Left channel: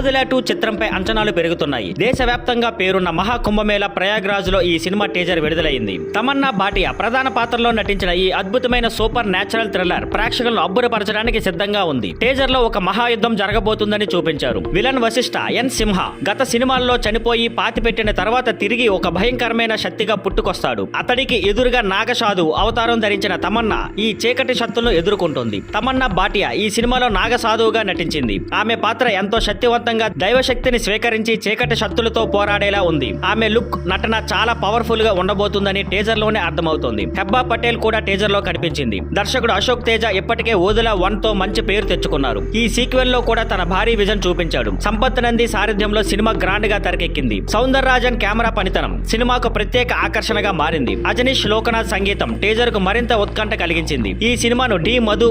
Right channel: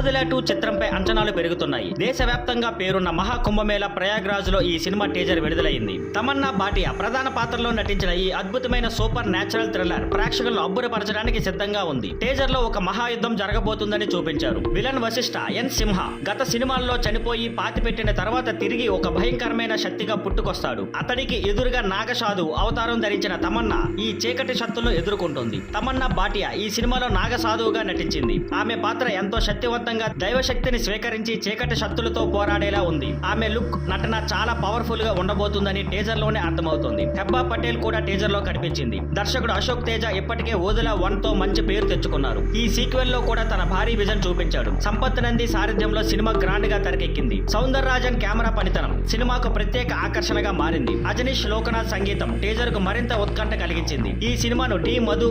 ఓదిలా 2 చిత్రంపై అంచనాలు పెరుగుతున్నాయి. దేశవ్యాప్తంగా పేరున్న మహాకుంభమేళా ప్రయాగ్రాజ్ లో ఈ సినిమా టీజర్ విడుదలైంది. తమన్నా భాటియా ప్రధాన పాత్రలో నటించిన ఈ అద్భుతమైన సూపర్ న్యాచురల్ థ్రిల్లర్ ప్రేక్షకులను అబ్బురపరచడానికి సిద్ధంగా ఉంది. టీజర్ లో ఒక మహాయుద్ధం జరగబోతుందని చూపించారు. విలన్ వశిష్ఠ ఎన్ సింహ గత సినిమాల్లో చనిపోయి పాతిపెట్టిన తర్వాత తిరిగి ఒక భయంకరమైన శక్తిగా పుట్టుకొస్తాడు. అతడికి ఎదురుగా నాగసాధువు అవతారం ధరించిన తమన్నా ఈ చీకటి శక్తులను ఎదుర్కొంటుంది. తమన్నా భాటియా ఈ సినిమాలో నాగసాధువుగా నటించింది. ఆమె పాత్ర ఎంతో శక్తివంతంగా దైవశక్తిని స్వీకరించి చీకటి శక్తులతో పోరాడేలా ఉంది. ఆమె లుక్ నటన చాలా పవర్ఫుల్ గా ఉండబోతుందని టీజర్ లోనే అర్థమవుతోంది. హెబ్బా పటేల్ కూడా టీజర్ లో కనిపించింది. దర్శకుడు అశోక్ తేజ ఇప్పటికే ఓదిలా 1 తో మంచి పేరు తెచ్చుకున్నారు. ఈ సీక్వెల్ లో కూడా తన భారీ విజన్ చూపించాడు. సంపత్ నంది సారథ్యంలో సినిమా గ్రాండ్ గా తెరకెక్కింది. సౌందరరాజన్ కెమెరా పనితనం సినిమాకు ప్రత్యేక ఆకర్షణగా మారింది. అజనీష్ లోకనాథ్ సంగీతం టీజర్ కు మరింత ఉత్కంఠ కలిగించింది. ఈ సినిమాను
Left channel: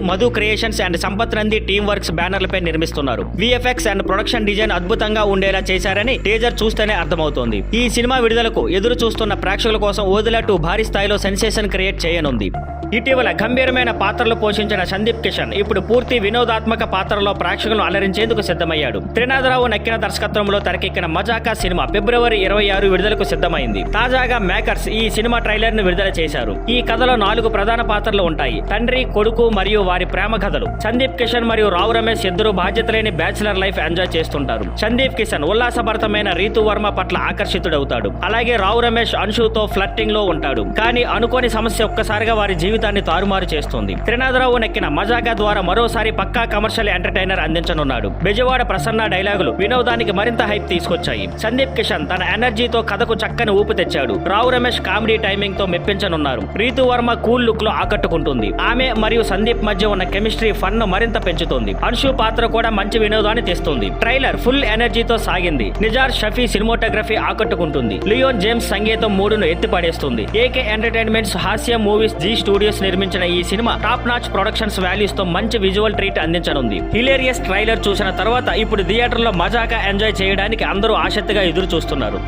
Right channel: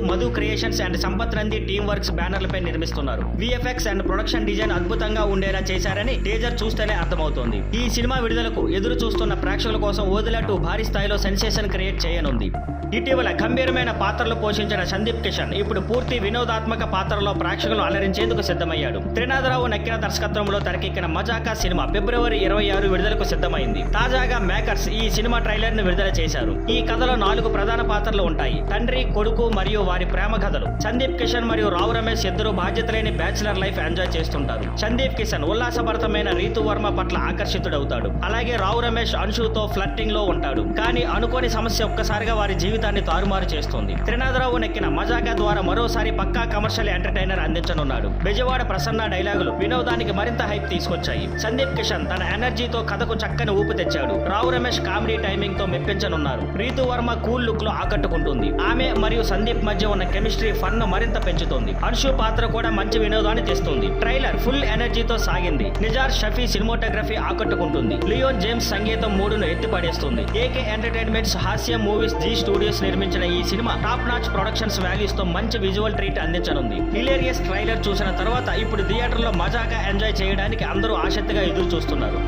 Madhu creations and Sampath Nandi team works బ్యానర్లపై నిర్మిస్తున్నారు. విఎఫ్ఎక్స్ అండ్ ప్రొడక్షన్ డిజైన్ అద్భుతంగా ఉండేలా చేశారని టీజర్ చూస్తేనే అర్థమవుతోంది. ఈ సినిమా విడుదలకు ఎదురు చూస్తున్న ప్రేక్షకుల కోసం ఓదిలా 2 భారీ స్థాయిలో సెన్సేషన్ క్రియేట్ చేయనుంది. ఇటీవల గంభీరమైన పాత్రలు పోషించిన సందీప్ కిషన్ ఇప్పుడు పూర్తి వినోదాత్మక పాత్రలో ప్రేక్షకులను అలరించేందుకు సిద్ధమయ్యాడు. త్రినాథరావు నక్కిన దర్శకత్వంలో తెరకెక్కిన మజాకా సినిమా ఫిబ్రవరి 26 విడుదలకు సిద్ధమైంది. తాజాగా మేకర్స్ ఈ సినిమా ట్రైలర్ ను విడుదల చేశారు. ఈ కథలో 4 ప్రధాన పాత్రలు ఉంటాయి. తండ్రి, కొడుకు మరియు వారి ప్రేమ కథలు. సందీప్ కిషన్ మరియు రావు రమేష్ ఇద్దరు బాధ్యత లేని బ్యాచిలర్ లైఫ్ ఎంజాయ్ చేస్తుంటారు. సందీప్ కిషన్ ఉల్లాసభరితమైన రీతు వర్మ పట్ల ఆకర్షితుడవుతాడు. అలాగే రావు రమేష్ అంశుతో ఫ్లర్టింగ్ లో ఉంటాడు. కానీ అనుకోని సమస్య ఒక్కసారిగా వారి జీవితాన్ని తారుమారు చేస్తుంది. త్రినాథరావు నెక్కిన మజాగా ద్వారా మరోసారి పక్కా కమర్షియల్ ఎంటర్టైనర్ అందించనున్నాడు. బెజవాడ ప్రసన్న డైలాగులు వినోదానికి మరింత హైప్ తీసుకొచ్చాయి. సందీప్ కిషన్ తన ఎనర్జీతో కథకు చక్కని ఊపు తెచ్చాడు. రావు రమేష్ కామెడీ టైమింగ్ తో మెప్పించనున్నారు. రీతు వర్మ కూల్ లుక్ లో ఆకట్టుకుంటుంది. ఆమె మరియు సందీప్ మధ్య ఉన్న కెమిస్ట్రీ ఫన్ ను మరింత పెంచుతుంది. అంశు పాత్ర కూడా మంచి వినోదాన్ని తెస్తుంది. ట్రైలర్ ఫుల్ ఎనర్జీతో సాగింది. నిజార్ షఫీ సినిమాటోగ్రఫీ ఆకట్టుకుంటుంది. లియోన్ జేమ్స్ సంగీతం మూడును ఎత్తిపడేస్తుంది. ఏకే ఎంటర్టైన్మెంట్స్ హాస్య మూవీస్ జీ స్టూడియోస్ నిర్మించిన ఈ cinema top notch productions values తో మంచి విజువల్ ట్రీట్ అందించనుంది. హిలేరియస్ ట్రైలర్ చూసిన తర్వాత ఇప్పుడు థియేటర్లో మజాగా ఎంజాయ్ చేయడానికి అందరూ ఆసక్తిగా ఎదురు చూస్తున్నారు.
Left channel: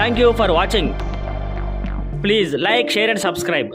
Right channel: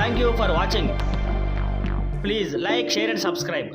Thank you for watching. Please like, share and subscribe.